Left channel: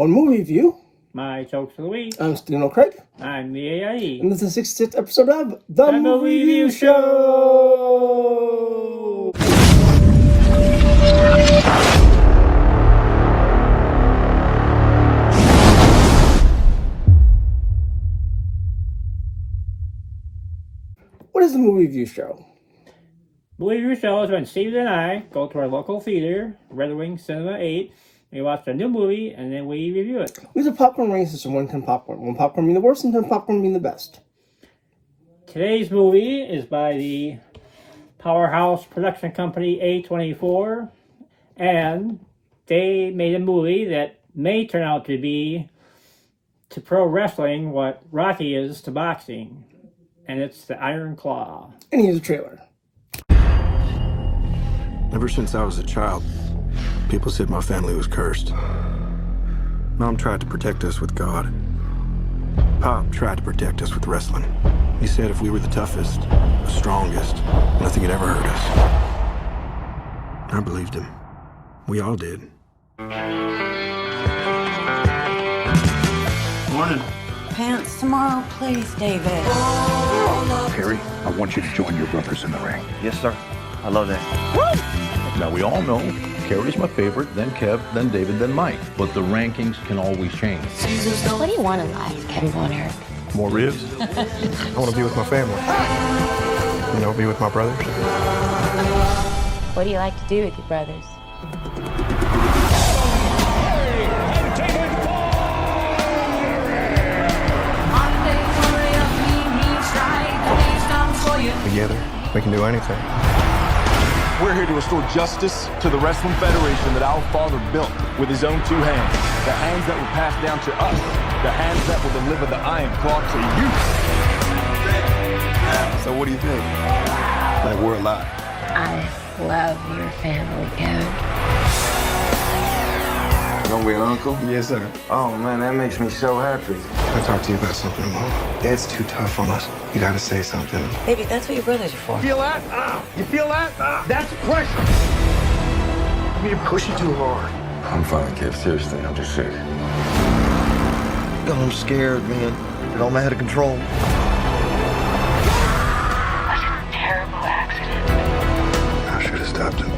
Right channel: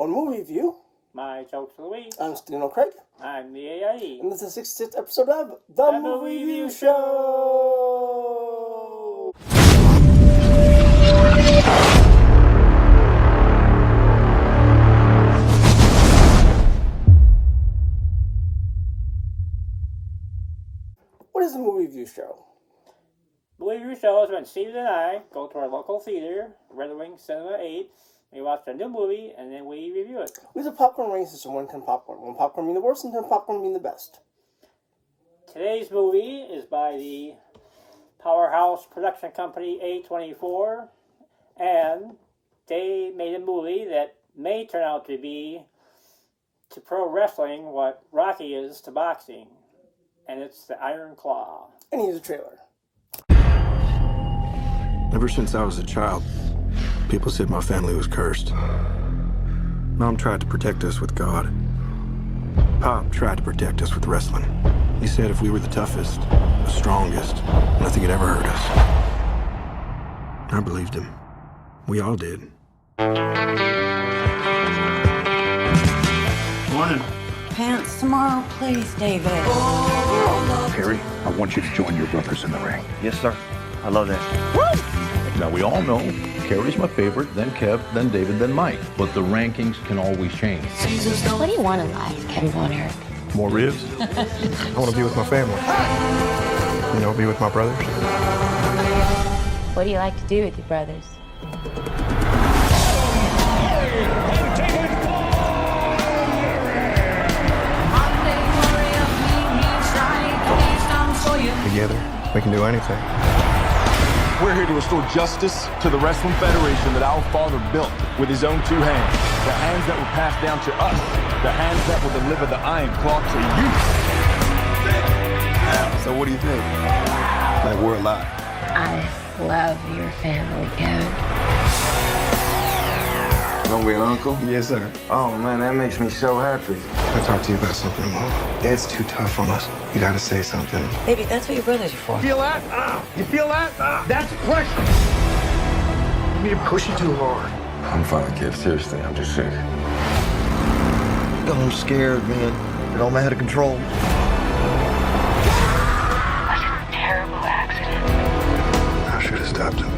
One movie review. My jokes of the week. I'm Stino Craig. I'm the AIE. And this is the 66th episode of The Movie Review Show. What is the movie review show? Movie Review Show is when Steven and I go to our local theater, Red Wing Cinema 8, we watch a new movie, and then we review it. We have a popcorn rating system, 1 10 popcorn. 1 popcorn being the worst and 10 popcorn being the best. Today's movie is by the powerhouse production company A24, and they made a movie that may turn out to be to pro wrestling what Rocky is to boxing, and it's the Iron Claw. And here's a trailer. Ever since I was a child, people said my family was cursed. Mom tried to protect us with God. Pop tried to protect us with wrestling. He said if we were the toughest, the strongest, nothing could ever hurt us. I believed him. We all did. Morning. Pants tomorrow, please, David. Perry, I want you to join your brothers in the ring. Yes, sir. I love that. Now, we all know Carrie's my favorite, then Kev, then David, then Mike. But the rankings can always change. What do you want in life, Kevin Von Erich? More ribs? I want to be with my family. You know, be with my brothers. What do you like to do with your brothers? Together, we can do anything. We're here to restore justice to the Wrestling Federation that our father built with his own 2 hands. The hands that were passed down to us. The hands that will deliver the Iron Claw to you. So what do you think? Like we're alive. I love your family, Kevin. Gonna be an uncle? Yes, sir. Oh, man, that makes me so happy. I'll talk to you about something, Mom. Dad's too tough on us. You gotta say something. Baby, that's what your brothers are for. Feel that? You feel that? That's pressure. You're pushing too hard. I'm fine, kid. Seriously, I'm just sick. I'm scared, man. It all out of control. That's a terrible accident. I should have stopped him.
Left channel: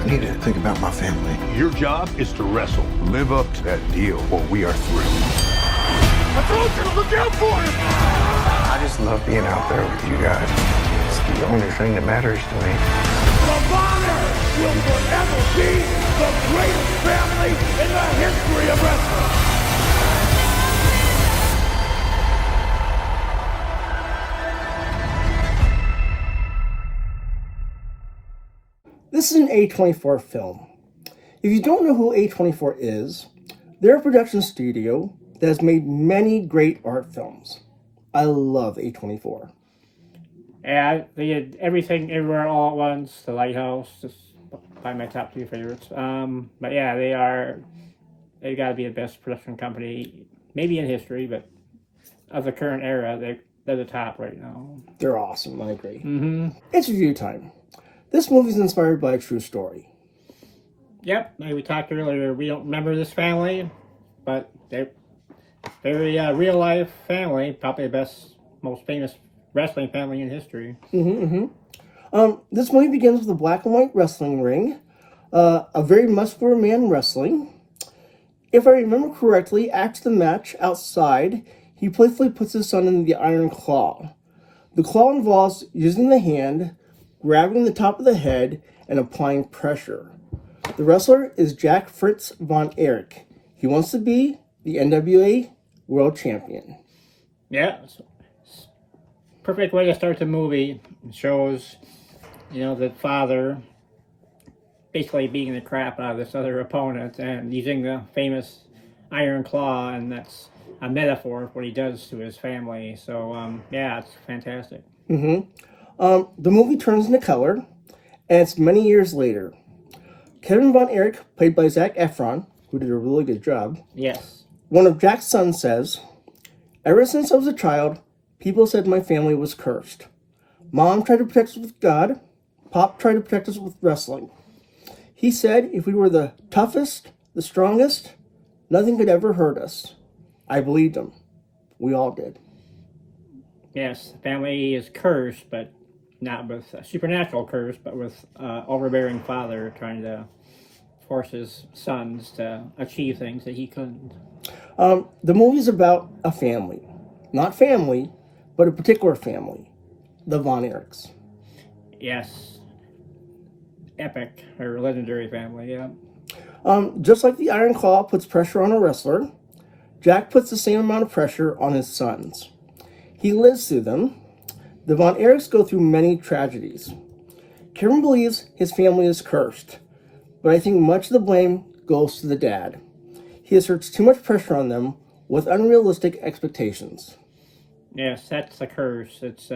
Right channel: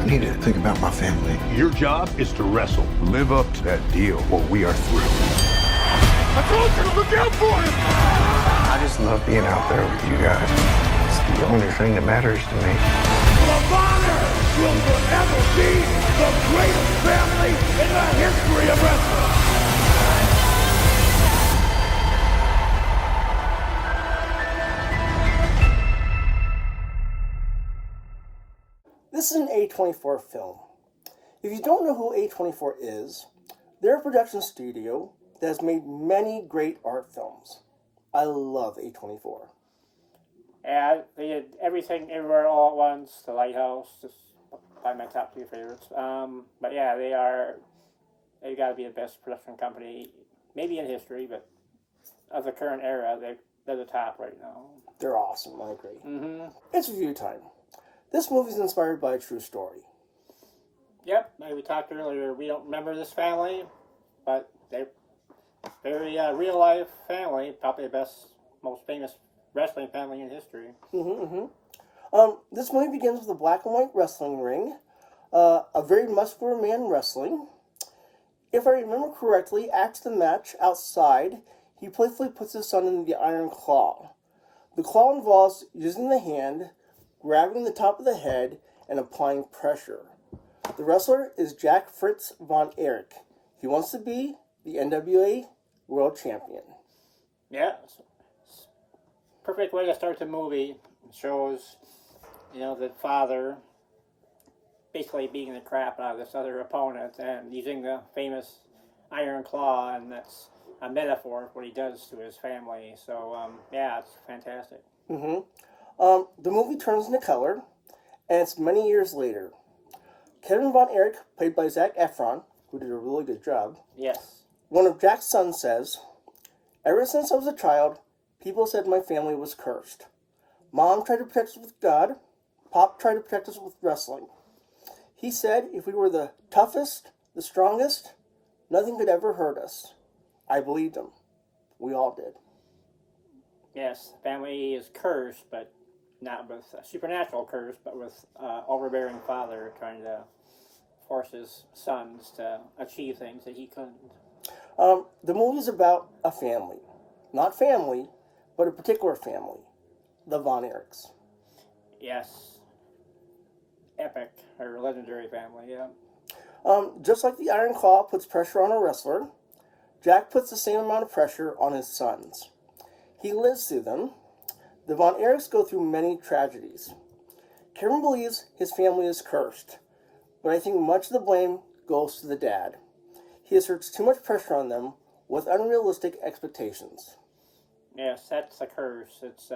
I need to think about my family. Your job is to wrestle. Live up to that deal or we are through. I told you to look out for him! I just love being out there with you guys. It's the only thing that matters to me. The Bonner will forever be the greatest family in the history of wrestling! This is an A24 film. If you don't know who A24 is, they're a production studio that has made many great art films. I love A24. And they did Everything Everywhere All at Once, The Lighthouse, just by my top 2 favorites. But yeah, they've got to be the best production company, maybe in history, but of the current era, they're the top right now. They're awesome, I agree. Mm-hmm. It's review time. This movie is inspired by a true story. Yep, like we talked earlier, we don't remember this family, but they're very real-life family, probably the best, most famous wrestling family in history. This movie begins with a black and white wrestling ring, a very muscular man wrestling. If I remember correctly, after the match outside, he playfully puts his son in the Iron Claw. The claw involves using the hand, grabbing the top of the head, and applying pressure. The wrestler is Jack Fritz Von Erich. He wants to be the NWA World Champion. Yeah, perfect way to start the movie. It shows, the father basically beating the crap out of this other opponent and using the famous Iron Claw, and that's a metaphor of what he does to his family. So, yeah, it's fantastic. The movie turns into color, and it's many years later. Kevin Von Erich, played by Zac Efron, who did a really good job. Yes. One of Jack's sons says, "Ever since I was a child, people said my family was cursed. Mom tried to protect us with God. Pop tried to protect us with wrestling. He said if we were the toughest, the strongest, Nothing could ever hurt us. I believed him. We all did. Yes, family is cursed, but not with a supernatural curse, but with overbearing father trying to force his sons to achieve things that he couldn't. The movie's about a family. Not family, but a particular family. The Von Erichs. Yes. Epic, or legendary family, yeah. Just like the Iron Claw puts pressure on a wrestler, Jack puts the same amount of pressure on his sons. He lives through them. The Von Erichs go through many tragedies. Kevin believes his family is cursed, but I think much of the blame goes to the dad. He asserts too much pressure on them with unrealistic expectations. Yes, that's the curse. It's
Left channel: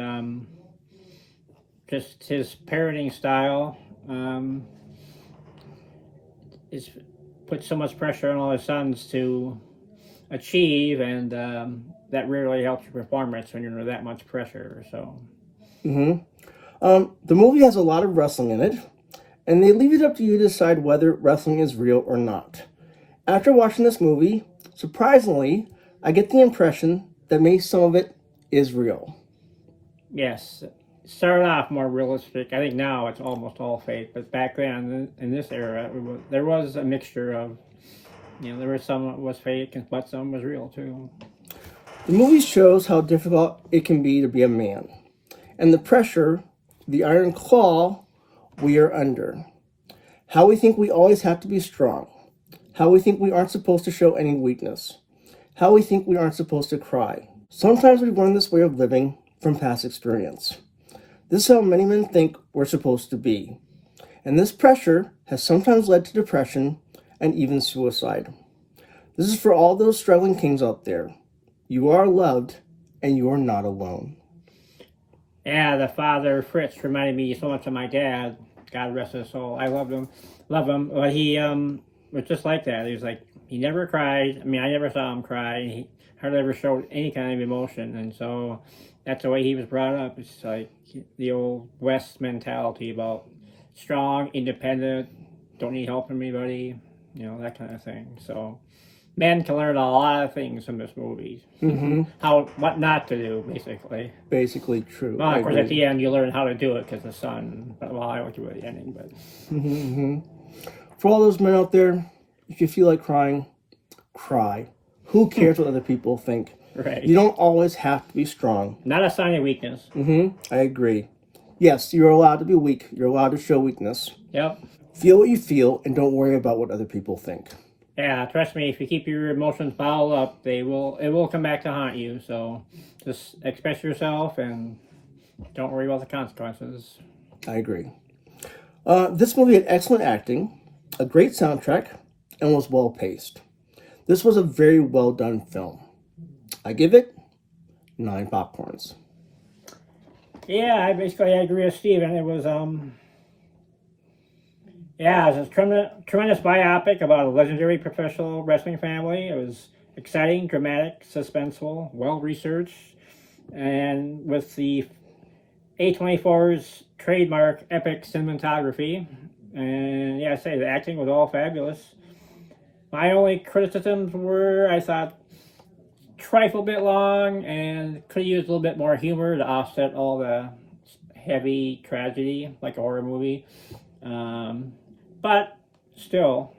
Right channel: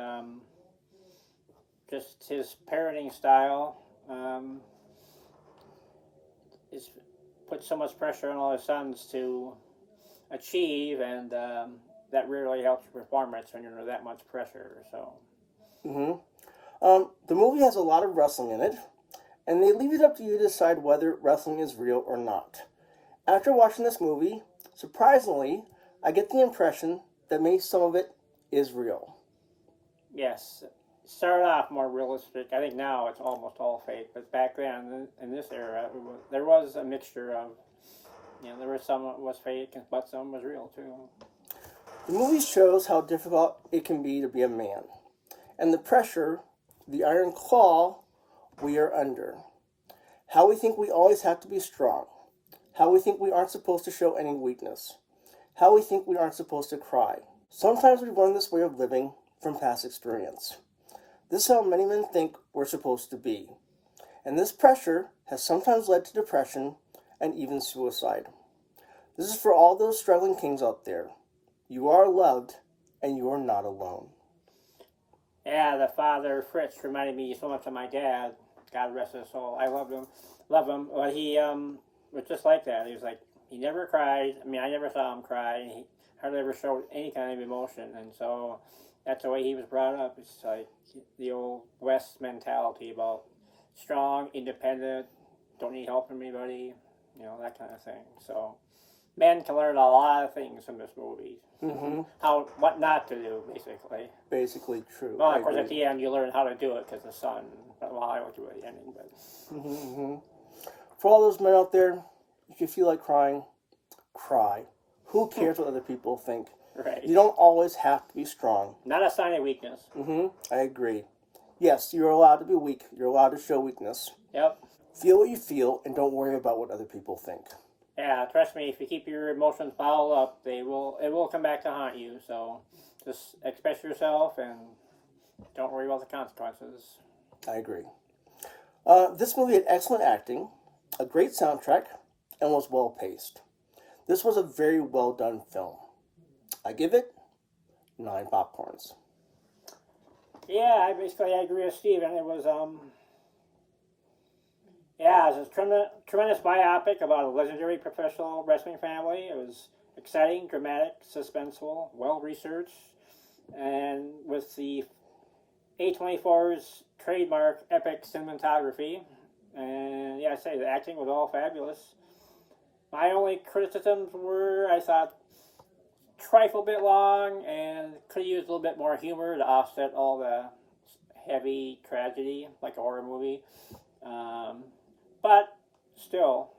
just his parenting style is put so much pressure on all his sons to achieve, and that rarely helps your performance when you're under that much pressure. So, the movie has a lot of wrestling in it, and they leave it up to you to decide whether wrestling is real or not. After watching this movie, surprisingly, I get the impression that maybe some of it is real. yes, it started off more realistic. I think now it's almost all fake, but back then, in this era, there was a mixture of, there was some that was fake, but some was real too. The movie shows how difficult it can be to be a man, and the pressure, the iron claw we are under. How we think we always have to be strong. How we think we aren't supposed to show any weakness. How we think we aren't supposed to cry. Sometimes we learn this way of living from past experience. This is how many men think we're supposed to be. And this pressure has sometimes led to depression and even suicide. This is for all those struggling kings out there. You are loved, and you are not alone. Yeah, the father, Fritz, reminded me so much of my dad. God rest his soul. I loved him. Love him. But he was just like that. He was like, he never cried. I mean, I never saw him cry. He hardly ever showed any kind of emotion. And so that's the way he was brought up. It's like the old West mentality about strong, independent, don't need help from anybody, that kind of thing. So men can learn a lot of things from this movie. What not to do, basically. Basically true. Well, of course, at the end, you learn how to do it because the son. Well, I won't do it at the ending, but. For all those men out there, if you feel like crying, cry. Who cares what other people think? Right. You don't always have to be strong. Not a sign of weakness. I agree. Yes, you're allowed to be weak. You're allowed to show weakness. Yep. Feel what you feel and don't worry about what other people think. Yeah, trust me, if you keep your emotions bottled up, it will come back to haunt you. So just express yourself and don't worry about the consequences. I agree. This movie had excellent acting, a great soundtrack, and was well paced. This was a very well done film. I give it 9 popcorns. Yeah, I agree with Steven. It was it was a tremendous biopic about a legendary professional wrestling family. It was exciting, dramatic, suspenseful, well researched, and with the A24's trademark epic cinematography. And I say the acting was all fabulous. My only criticisms were, I thought, trifle bit long and could have used a little bit more humor to offset all the heavy tragedy like a horror movie. But still,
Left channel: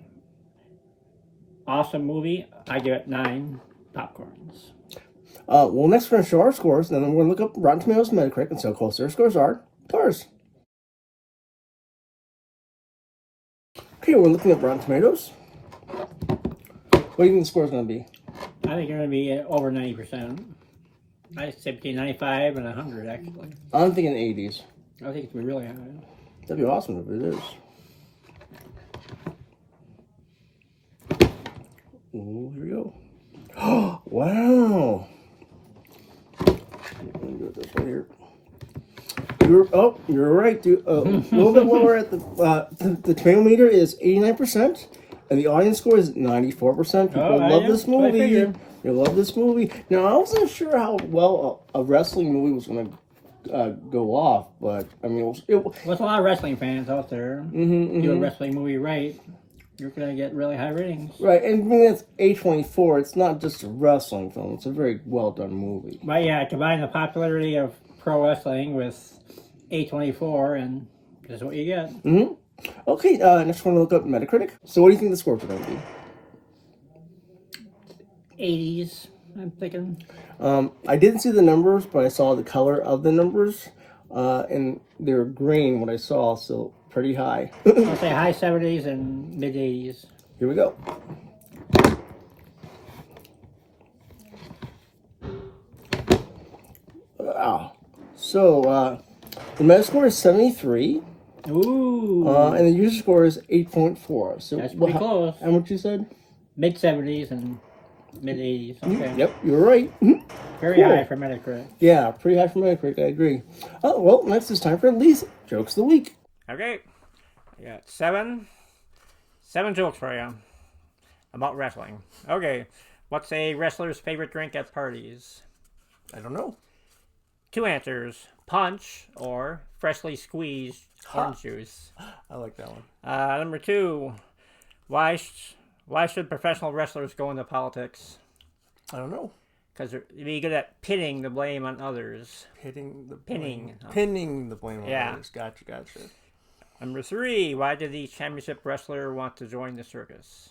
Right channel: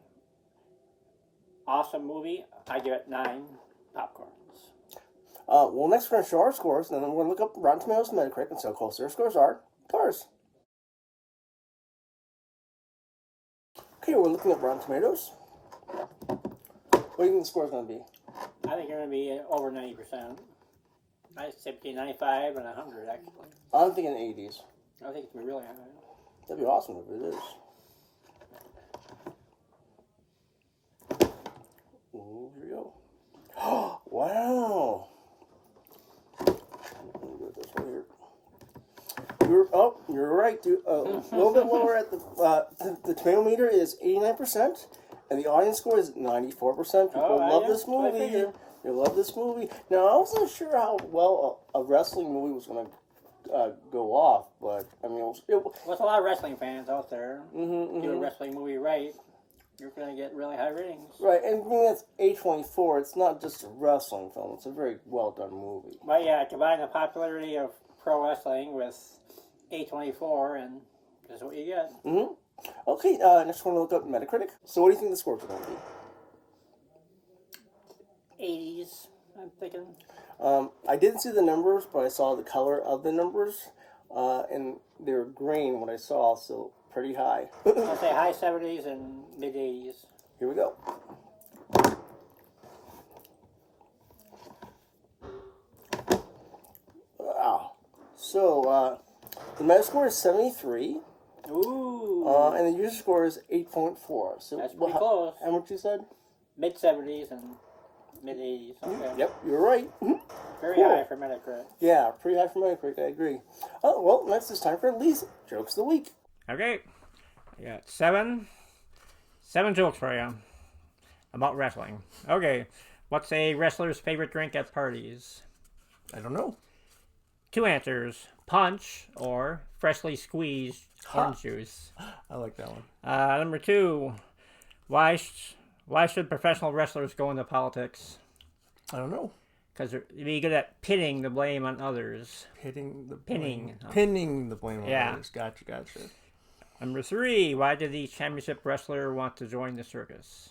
awesome movie. I give it 9 popcorns. Well, next we're going to show our scores, and then we're going to look up Rotten Tomatoes and Metacritic and see how close their scores are to ours. Okay, we're looking at Rotten Tomatoes. What do you think the score is going to be? I think you're going to be over 90%. I'd say between 95 and 100, actually. I'm thinking 80s. I think it's going to be really high. That'd be awesome if it is. Ooh, here we go. Wow. Let me do it this way here. You're right, dude. A little bit lower at the tomato meter is 89%, and the audience score is 94%. People love this movie. They love this movie. Now, I wasn't sure how well a wrestling movie was going to go off, but I mean, there's a lot of wrestling fans out there. Do a wrestling movie right. you're gonna get really high ratings. Right, and being that's A24, it's not just a wrestling film. It's a very well done movie. But yeah, combine the popularity of pro wrestling with A24, and that's what you get. Mm-hmm. Okay, next one to look up Metacritic. So what do you think the scores are going to be? 80s, I'm thinking. I didn't see the numbers, but I saw the color of the numbers, and they were green what I saw, so pretty high. I'll say high 70s and mid 80s. Here we go. So, the Metascore is 73. Ooh. And the user score is 8.4. So that's pretty close. And what you said? Mid 70s and mid 80s. Okay. Yep, you were right. Very Cool. high for Metacritic. Yeah, pretty high for Metacritic, I agree. Oh, well, next it's time for Lee's Jokes of the Week. Okay. I got seven jokes for you about wrestling. Okay. What's a wrestler's favorite drink at parties? I don't know. 2 answers. Punch or freshly squeezed orange juice. I like that one. Number 2. Why should professional wrestlers go into politics? I don't know. Because they're be good at pinning the blame on others. Pinning the Pinning. blame on Yeah. others. Gotcha. Number 3. Why did the championship wrestler want to join the circus?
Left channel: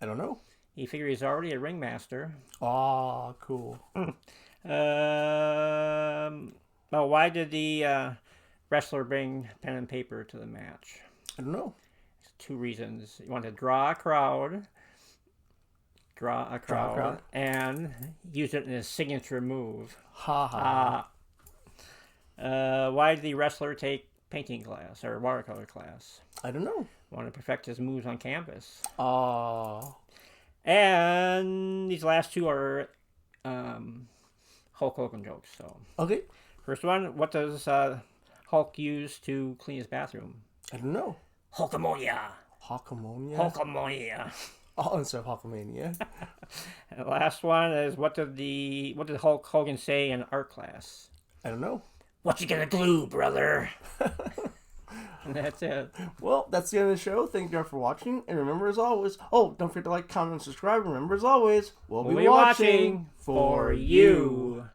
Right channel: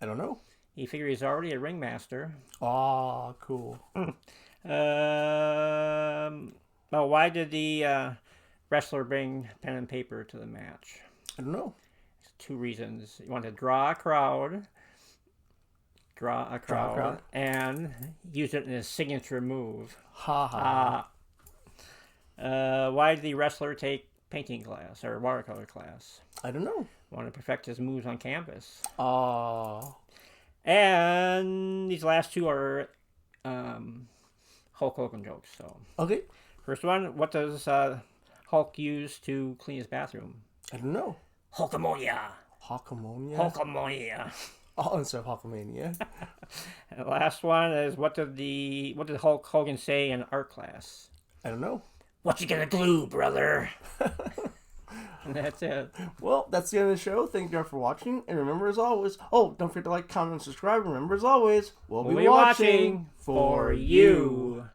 I don't know. He figured he's already a ringmaster. Ah, cool. Why did the wrestler bring pen and paper to the match? I don't know. 2 reasons. He wanted to draw a crowd, and use it in his signature move. Ha ha. Why did the wrestler take painting class or watercolor class? I don't know. Wanted to perfect his moves on canvas. Ah. And these last 2 are Hulk Hogan jokes. So Okay. first one, what does Hulk use to clean his bathroom? I don't know. Hulkamania. Hulkamania? Hulkamania. Oh, instead of Hulkamania. And the last one is what did Hulk Hogan say in art class? I don't know. What you gonna glue, brother? And that's it. Well, that's the end of the show. Thank you all for watching. And remember, as always, don't forget to like, comment, and subscribe. Remember, as always, we'll be watching for you.